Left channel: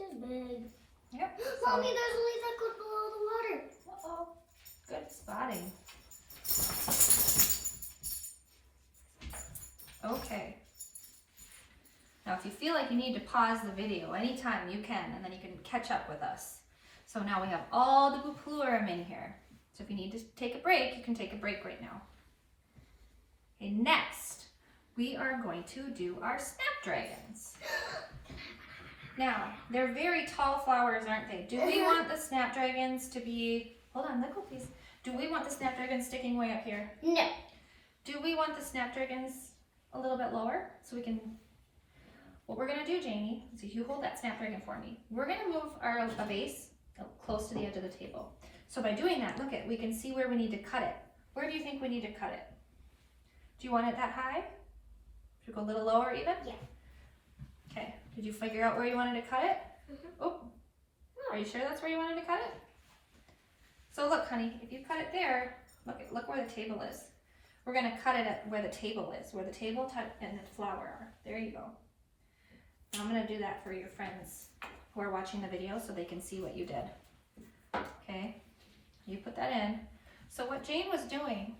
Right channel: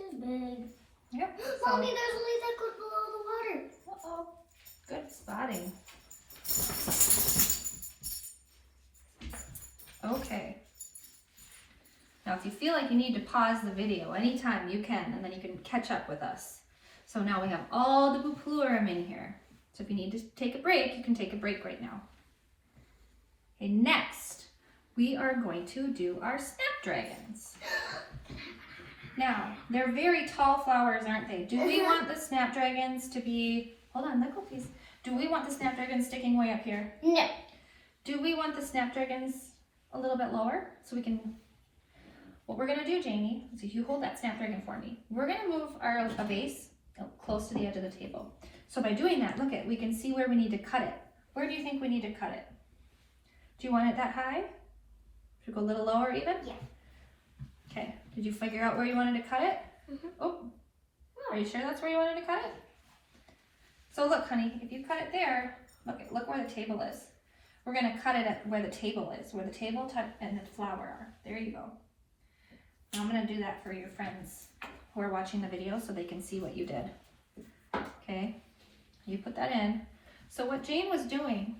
too big. Yep. Mommy, there's a leaf that goes below the water. Uh-oh. Good spotting. Okay. Now, if you feel like you need to pause the video anytime, you can, and then you can catch up with us. So now we have all the buplurum in here. So if you need to take a break, you can take a break right now. Okay, next, we are going to do our snapdragons. Now, they're very tall flowers, aren't they? Do we want the snapdragons to be, hold on, let go please. Do we want the snapdragons sticking way up here? No. Do we want the snapdragons a little bit lower so we can, what we're gonna do, Jamie, is if you hold that snapdragon for me, we're gonna move a vase close to the edge of the table. So by doing that, look we can see where we need to cut it. Where do you think we need to cut it? Do you want it that high? Should we go a little lower even? Yeah. Okay, did you figure out where you wanted to cut it? Mm-hmm. Oh, are you sure that's where you wanted to cut it? So look, honey, if you cut it there, look where the table is. We're gonna cut it at where the table is, where the table and the flower are. There you go. I'm gonna do that for your friends who are watching the video so they can see what you did. Okay, you put that in. So what Jane was doing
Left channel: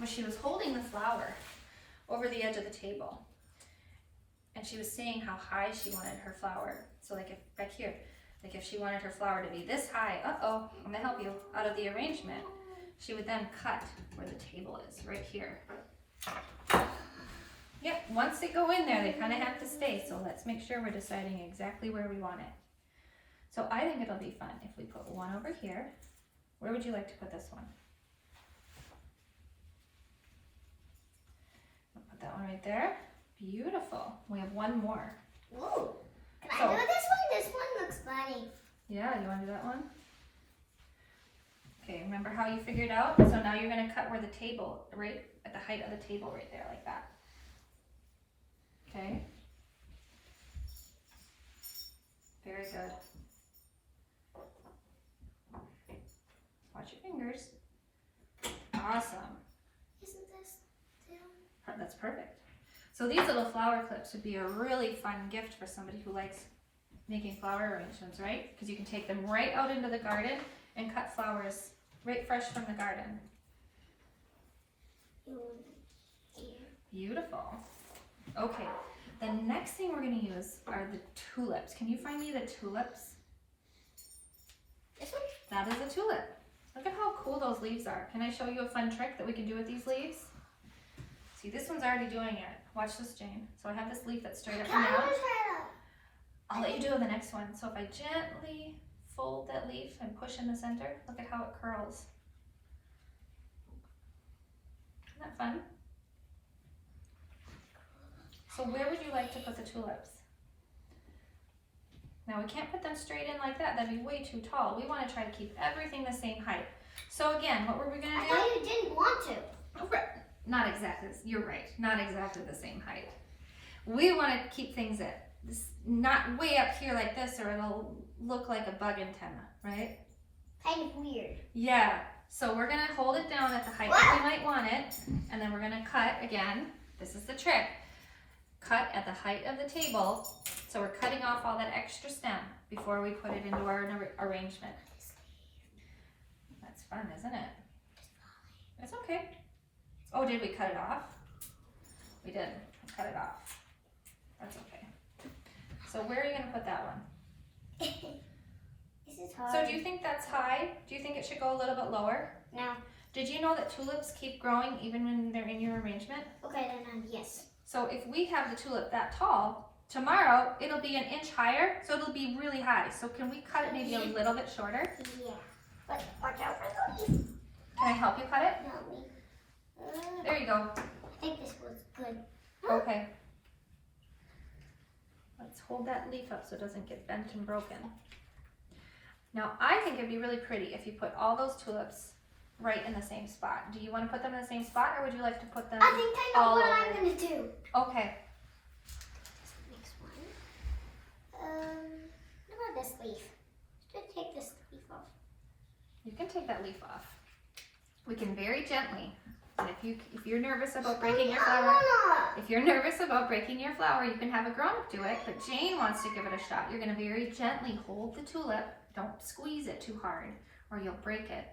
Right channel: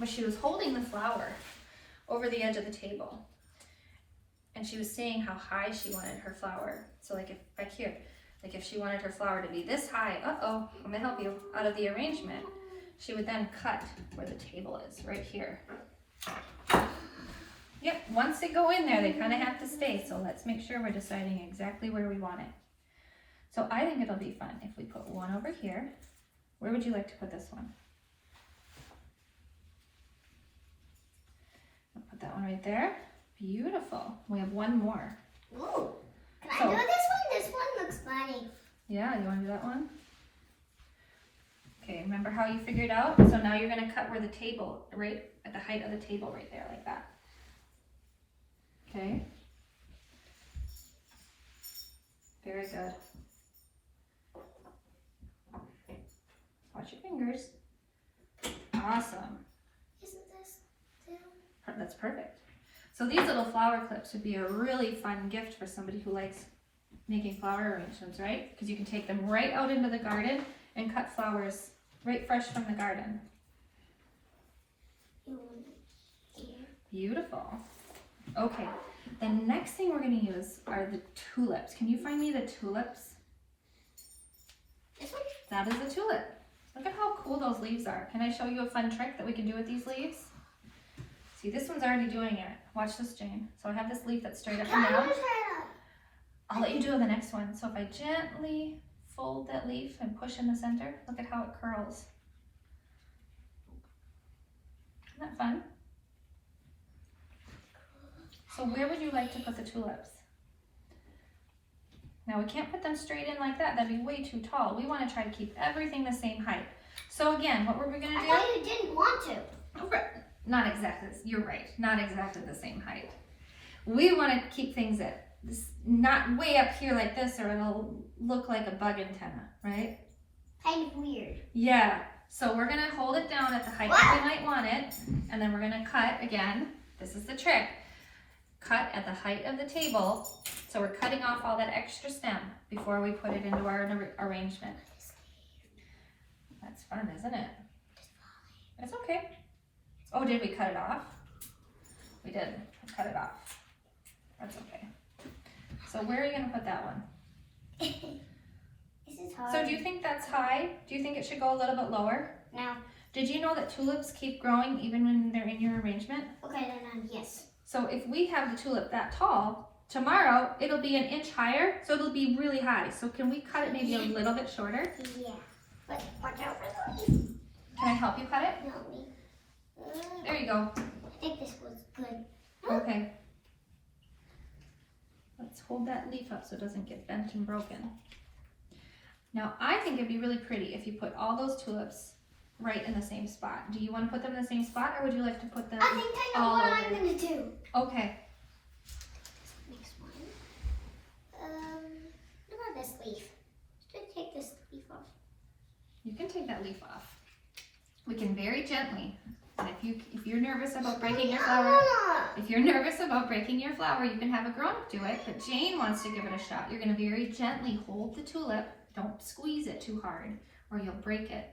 was she was holding the flower over the edge of the table. And she was saying how high she wanted her flower. So like if back here, like if she wanted her flower to be this high, I'm gonna help you, out of the arrangement, she would then cut where the table is, right here. Yep, once they go in there, they kind of have to stay. So let's make sure we're deciding exactly where we want it. So I think it'll be fun if we put one over here. Where would you like to put this one? I'll put that one right there. Beautiful. We have one more. Ooh. Can I do this one? This one looks funny. Yeah, you want to do that one? Okay, remember how you figured out? So now you're going to cut where the table, right at the height of the table right there, like that. Okay. Very good. Watch your fingers. Awesome. Isn't this too? That's perfect. So these little flower clips would be a really fun gift for somebody who likes making flower arrangements, right? Because you can take them right out into the garden and cut flowers right fresh from the garden. Beautiful. Okay, the next thing we're going to use are the tulips. Can you find me the tulips? This one? That is a tulip. Look at how cool those leaves are. Can I show you a fun trick that we can do with these leaves? See, this one's already doing it. Watch this, Jane. So I have this leaf that's straight up and down. I'll let you do the next one. So if I gently fold that leaf and push in the center, look at how it curls. Isn't that fun? So where would you like to put the tulips? Now we can't put them straight in like that. That'd be way too tall. We want to try to keep everything the same height. So again, what were we going to do? I thought you didn't want to. Oh, not exactly. You're right. Not exactly the same height. We want to keep things at this, not way up here like this, or it'll look like a bug antenna, right? Kind of weird. Yeah. So we're going to hold it down at the height that we might want it, and then we're going to cut again. This is the trick. Cut at the height of the table. So we're cutting off all that extra stem before we put it into our arrangement. That's fun, isn't it? It's okay. Oh, did we cut it off? We did. Cut it off. That's okay. So where are you going to put that one? This is hard. So do you think that's high? Do you think it should go a little bit lower? No. Did you know that tulips keep growing even when they're in your arrangement? Okay, then yes. So if we have the tulip that tall, tomorrow it'll be an inch higher, so it'll be really high. So can we cut it maybe a little bit shorter? Yeah. But watch out for the leaf. Can I help you cut it? Help me. There you go. I think this was good. Okay. Let's hold that leaf up so it doesn't get bent and broken. Now I think it'd be really pretty if you put all those tulips right in the same spot. Do you want to put them in the same spot, or would you like to put them I think I know all what over? I'm going to do. Okay. Next one. What about this leaf? Should take this leaf off. You can take that leaf off. We can very gently And if you're nervous about breaking your flower, you can have a grown-up do it, but Jane wants to give it a shot. You're gonna very gently hold the tulip. Don't squeeze it too hard or you'll break it.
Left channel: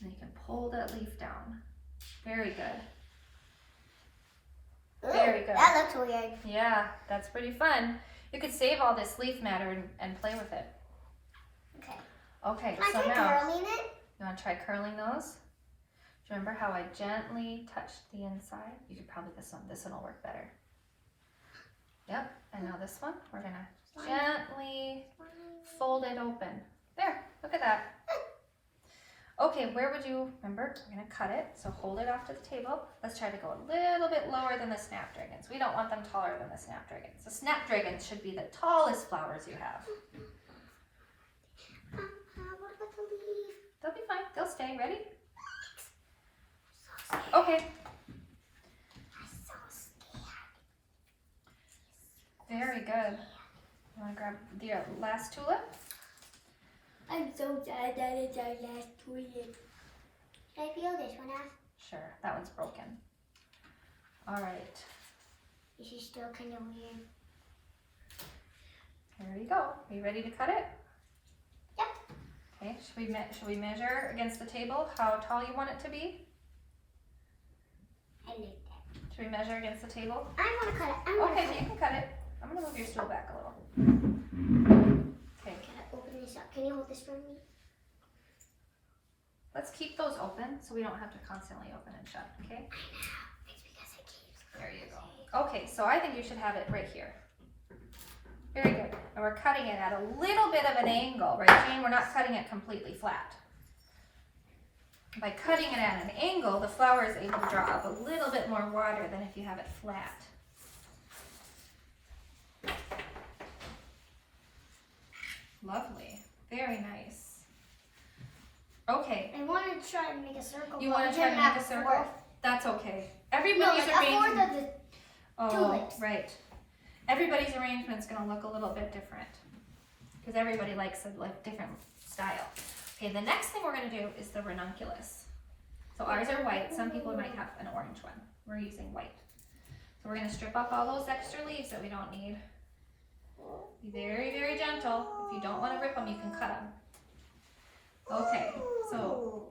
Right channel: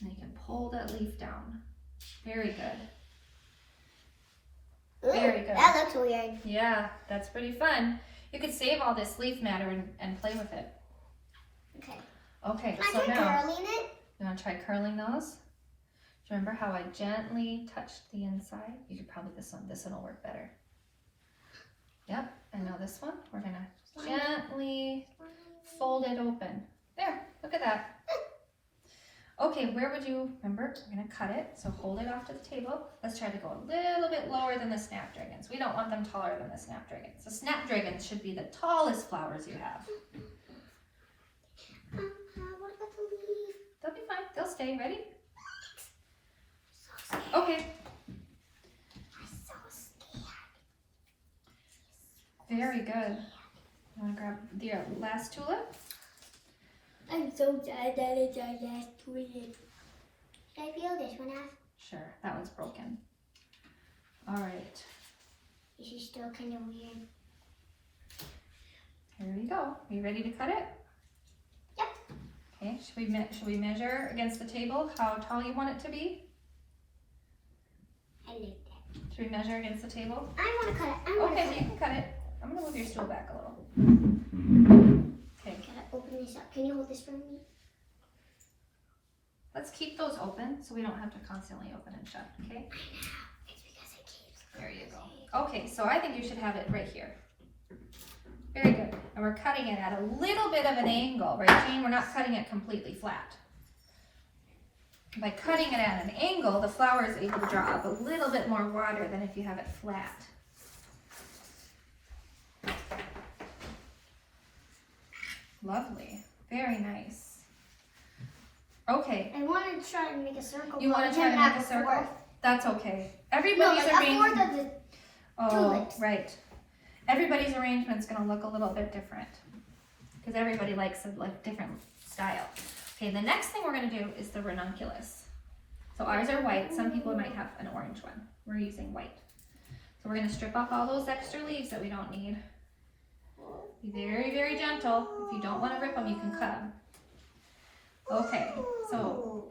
And you can pull that leaf down. Very good. Very good. That looks weird. Yeah, that's pretty fun. You could save all this leaf matter and play with it. Okay. Okay, Can so I try now, curling it? you wanna try curling those? Remember how I gently touched the inside? You could probably, this one will work better. Yep, and now this one, we're gonna gently fold it open. There, look at that. Okay, where would you, remember, we're gonna cut it, so hold it off to the table. Let's try to go a little bit lower than the snapdragons. We don't want them taller than the snapdragons. The snapdragons should be the tallest flowers you have. What about the leaf? They'll be fine, they'll stay. Ready? Okay. I'm so scared. Very good. You want to grab the last tulip? I'm so sad that it's our last tulip. Should I peel this one off? Sure, that one's broken. All right, This is still kind of weird. here we go. Are you ready to cut it? Yep. Okay, should we measure against the table how tall you want it to be? I like that. Should we measure against the table? I want to cut it. Okay, you can cut it. I'm gonna move your stool back a little. Okay, Can I open this up? Can you hold this for me? let's keep those open so we don't have to constantly open and shut, okay? It's because it keeps. There you go. Okay, so I think you should have it right here. Very good. And we're cutting it at a little bit of an angle, right, Jane? We're not cutting it completely flat. By cutting it at an angle, the flower is able to draw up a little bit more water than if you have it flat. Lovely. Very nice. Okay. I want to try and make a circle. You want to try to make a circle? That's okay. No, Everybody's like a fourth of the. Oh, tulips. right. Everybody's arrangement's going to look a little bit different because everybody likes a different style. Okay, the next thing we're going to do is the ranunculus. So ours are white. Some people might have an orange one. We're using white. So we're going to strip off all those extra leaves that we don't need. Be very, very gentle. If you don't want to rip them, you can cut them. Okay, so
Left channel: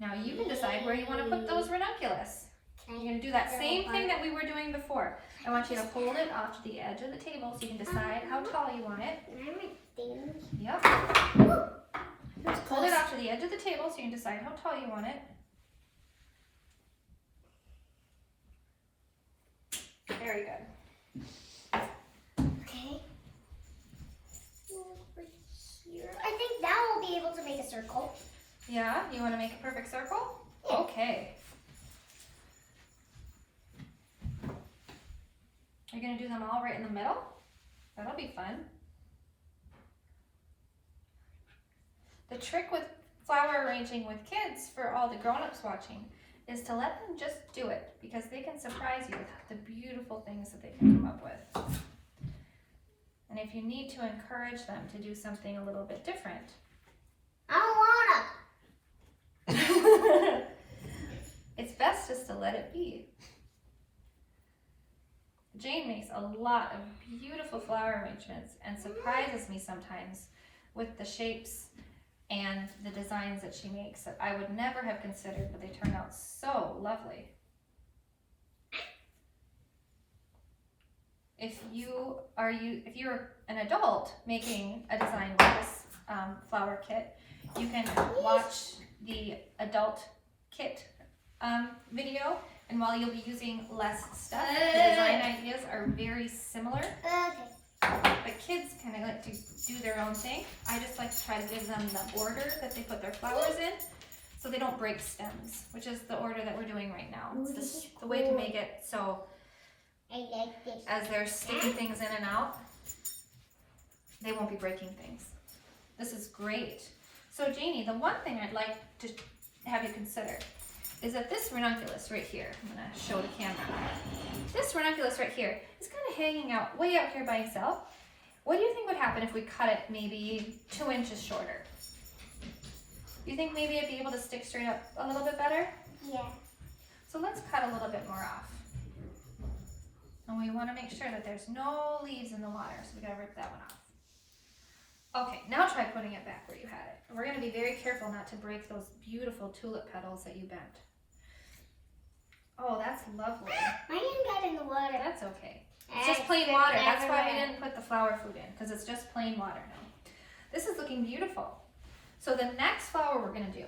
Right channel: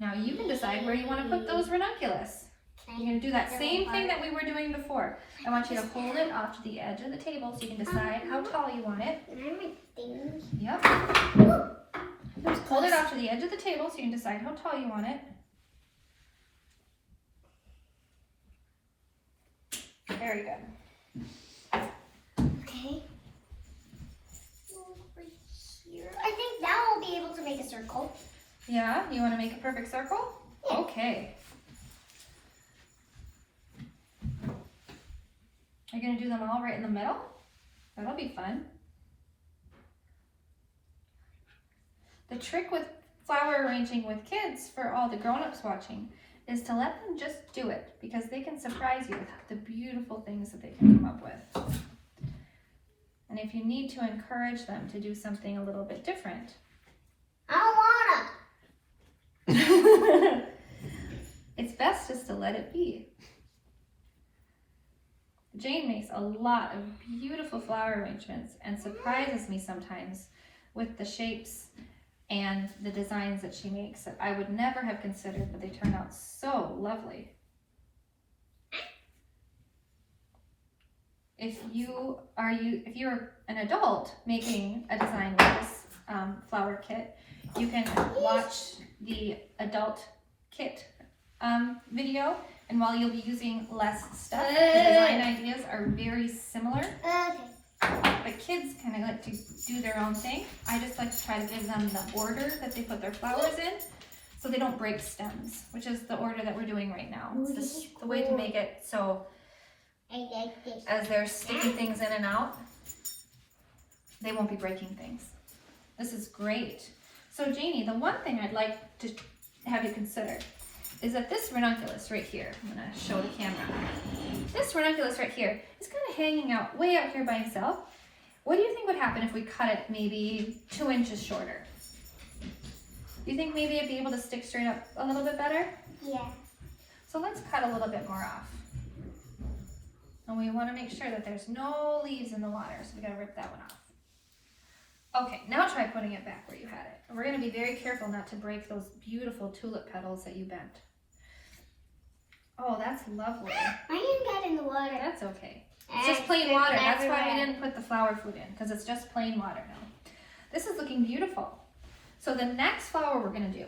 now you can decide where you want to put those ranunculus. You're going to do that same thing that we were doing before. I want you to hold it off to the edge of the table so you can decide how tall you want it. Yep. Hold it off to the edge of the table so you can decide how tall you want it. Very good. Okay. Over here. I think now we'll be able to make a circle. Yeah, you want to make a perfect circle? Yeah. Okay. Are you going to do them all right in the middle? That'll be fun. The trick with flower arranging with kids, for all the grown-ups watching, is to let them just do it because they can surprise you with the beautiful things that they can come up with. And if you need to encourage them to do something a little bit different, I don't wanna. it's best just to let it be. Jane makes a lot of beautiful flower arrangements and surprises me sometimes with the shapes and the designs that she makes that I would never have considered, but they turn out so lovely. If you are an adult making a design with this flower kit, you can watch the adult kit video, and while you'll be using less stuff, the design ideas are very similar. Okay. But kids kind of like to do their own thing. I just like to try to give them the order that they put their flowers in so they don't break stems, which is the order that we're doing right now. It's the way to make it so I like this. as they're sticking things in and out, they won't be breaking things. This is great. So Janie, the one thing I'd like to have you consider is that this ranunculus right here, I'm going to show the camera. This ranunculus right here is kind of hanging out way out here by itself. What do you think would happen if we cut it maybe 2 inches shorter? Do you think maybe it'd be able to stick straight up a little bit better? Yeah. So let's cut a little bit more off. And we want to make sure that there's no leaves in the water, so we gotta rip that one off. Okay, now try putting it back where you had it. And we're gonna be very careful not to break those beautiful tulip petals that you bent. Oh, that's lovely. My hand got in the water. That's okay. It's just plain water. That's why we didn't put the flower food in, because it's just plain water now. This is looking beautiful. So the next flower we're gonna do